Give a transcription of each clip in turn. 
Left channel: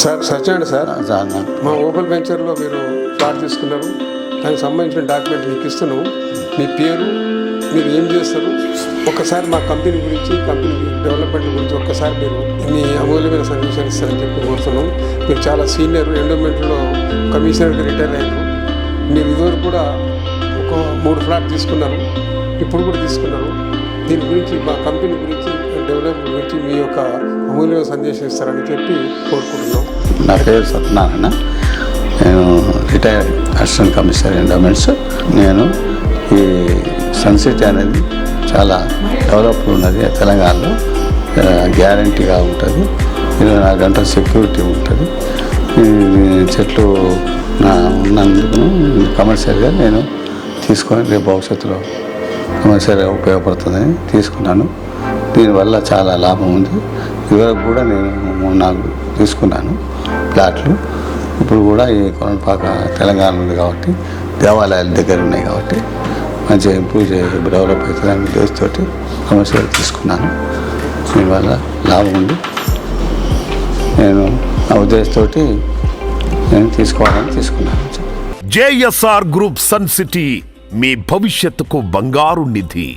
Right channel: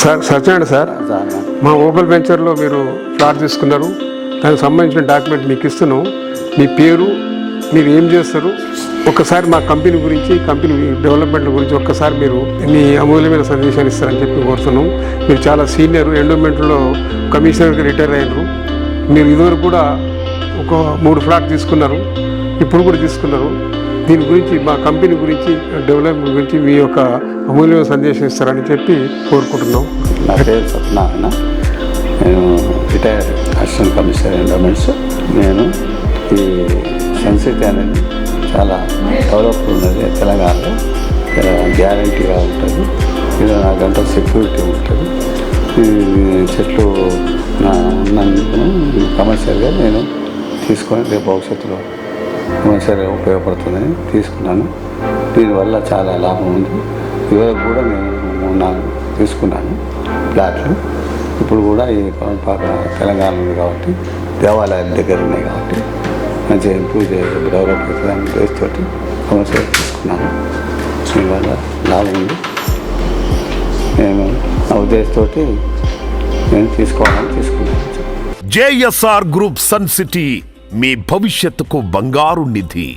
Sir Satyanarayana sir, మా Opel వెంచర్లో మీరు ఫ్లాట్ తీసుకున్నారు. దానికి సంబంధించిన డాక్యుమెంట్ మీకు ఇస్తున్నాం. మీ పేరు, మీరు ఏం చేస్తారు, ఒక్కసారి మా కంపెనీ గురించి, కంపెనీ డెవలప్మెంట్ గురించి ఒక్కసారి మీరు మీ అమూల్యమైన సజెషన్ ఇస్తారని చెప్పి కోరుతున్నాం. మీరు చాలా సీనియర్, ఎండోమెంట్లో కమిషనర్గా రిటైర్ అయ్యారు. మీరు ఇదివరకు కూడా ఒక 3 ఫ్లాట్ తీసుకున్నారు, ఇప్పుడు కూడా తీసుకున్నారు. దీని గురించి, మా కంపెనీ గురించి, డెవలప్మెంట్ గురించి మీ యొక్క అమూల్యమైన సందేశం ఇస్తారని చెప్పి కోరుకుంటున్నాం. నా పేరు సత్యనారాయణ, నేను రిటైర్డ్ అసిస్టెంట్ కమిషనర్ ఎండోమెంట్స్. నేను ఈ సన్సిటీ అనేది చాలా డెవలప్ ఉన్నది తెలంగాణలో, గ్యారంటీగా ఉంటుంది, 24 గంటల సెక్యూరిటీ ఉంటుంది. చెట్లు ఉన్నందుకు కమర్షియల్గా నేను తీసుకొని రేపు భవిష్యత్తులో కమర్షియల్గా ఉపయోగపడుతుందని తీసుకున్నాను. దీనివల్ల చాలా లాభం ఉంది. ఇదివరకు కూడా నేను 4 తీసుకున్నాను ప్లాట్లు. ఇప్పుడు కూడా ఈ కొనపాక తెలంగాణ ఉంది కాబట్టి, దేవాలయాల దగ్గర ఉన్నాయి కాబట్టి మంచిగా ఇంప్రూవ్ డెవలప్ అవుతుందని ఉద్దేశంతో కమర్షియల్ తీసుకున్నాను. దీనివల్ల లాభం ఉంది. నేను నా ఉద్దేశంతో నేను తీసుకోవాలని తీసుకున్నాను. జేఎస్ఆర్ గ్రూప్ సన్ సిటీ మీ భవిష్యత్తుకు బంగారు నిధి.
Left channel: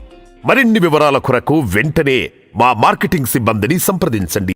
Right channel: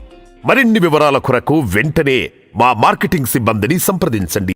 మరిన్ని వివరాల కొరకు వెంటనే మా మార్కెటింగ్ సిబ్బందిని సంప్రదించండి.